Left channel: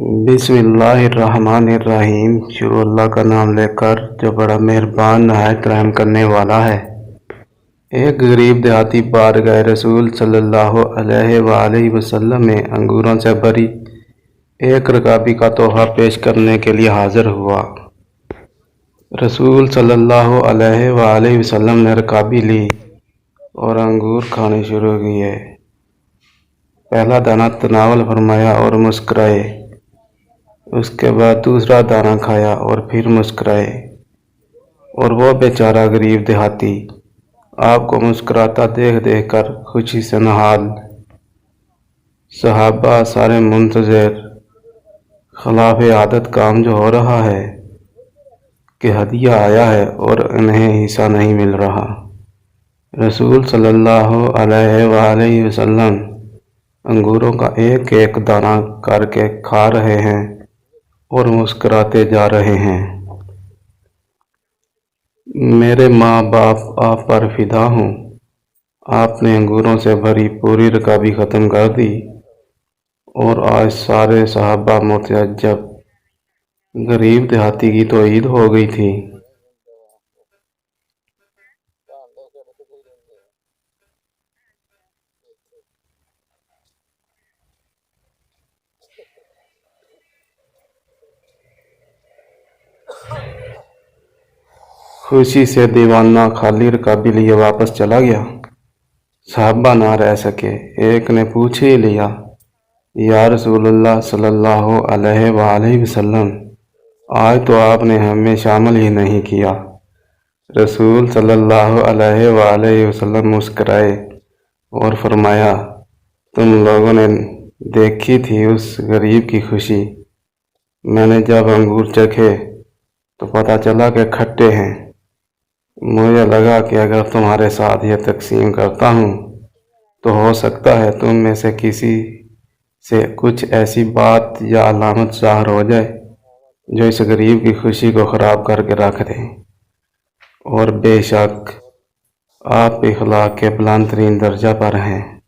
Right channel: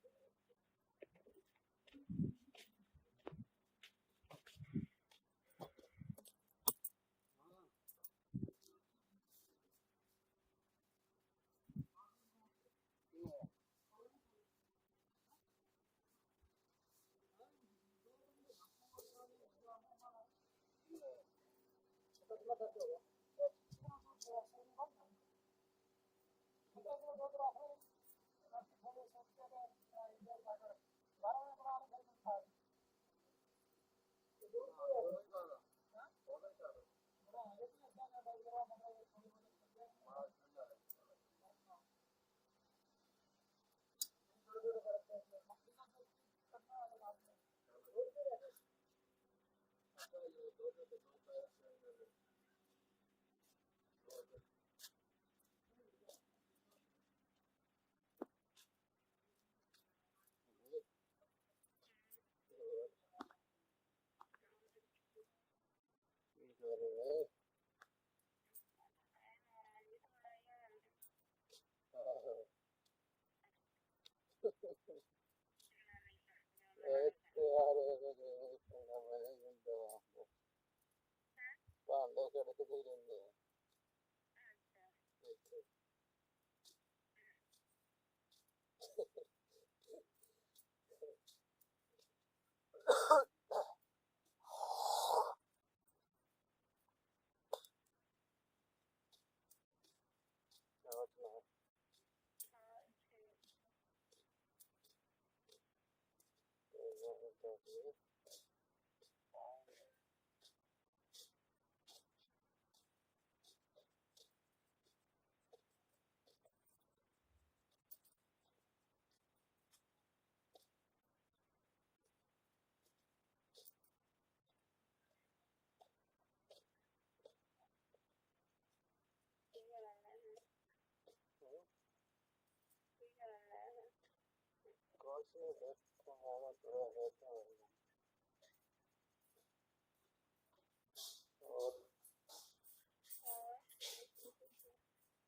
बिस्मिल्लाहिर्रहमानिर्रहीम। शुरू अल्लाह का नाम लेकर जो बड़ा मेहरबान नहायत रहम करने वाला है। एक गरीब देहाती बारगाह रसूल सल्लल्लाहु अलैहि वसल्लम में अंगूरों से भरी एक रकाबी का तोहफा पेश करने के लिए हाजिर हुआ। रसूल सल्लल्लाहु अलैहि वसल्लम ने रकाबी ली और अंगूर खाने शुरू किए। पहला दाना तनावल फरमाया और मुस्कुराए। उसके बाद दूसरा दाना खाया और फिर मुस्कुराए। और वो बेचारा गरीब देहाती आपको मुस्कुराता देख देख कर खुशी से नहाल। सहाबा सारे मुंतज़िर, खिलाफ आदत काम जो हो रहा है कि हदिया आया है और इन्हें हिस्सा नहीं मिल रहा। रसूल सल्लल्लाहु अलैहि वसल्लम अंगूरों का एक एक दाना करके खा रहे हैं और मुस्कुराते जा रहे हैं। मेरे माँ बाप आप पर फिदा हूँ, आपने अंगूरों से भरी पूरी रकाबी ख़त्म कर दी। और आज सारे सहाबा मुतअज्जब, गरीब देहाती की तो ईद हो गई थी। खुशी से दीवाना खाली रकाबी लिए वापस चला गया। सहाबा ना रह सके। एक ने पूछ ही लिया, या रसूलुल्लाह सल्लल्लाहु अलैहि वसल्लम, आज तो आपने हमें शामिल ही नहीं किया। रसूल सल्लल्लाहु अलैहि वसल्लम मुस्कराए और फरमाया, तुम लोगों ने देखी थी उस गरीब की खुशी। मैंने जब अंगूर चखे तो पता चला कि खट्टे हैं। मुझे लगा कि अगर तुम्हारे साथ ये तकसीम करता हूँ तो हो सकता है तुम में से किसी से कुछ ऐसी बात या अलामत ज़ाहिर हो जाए जो इस गरीब की खुशी को ख़राब करके रख दे। और बेशक आप इखलाक के बुलंद तरीन दर्जा पर हैं।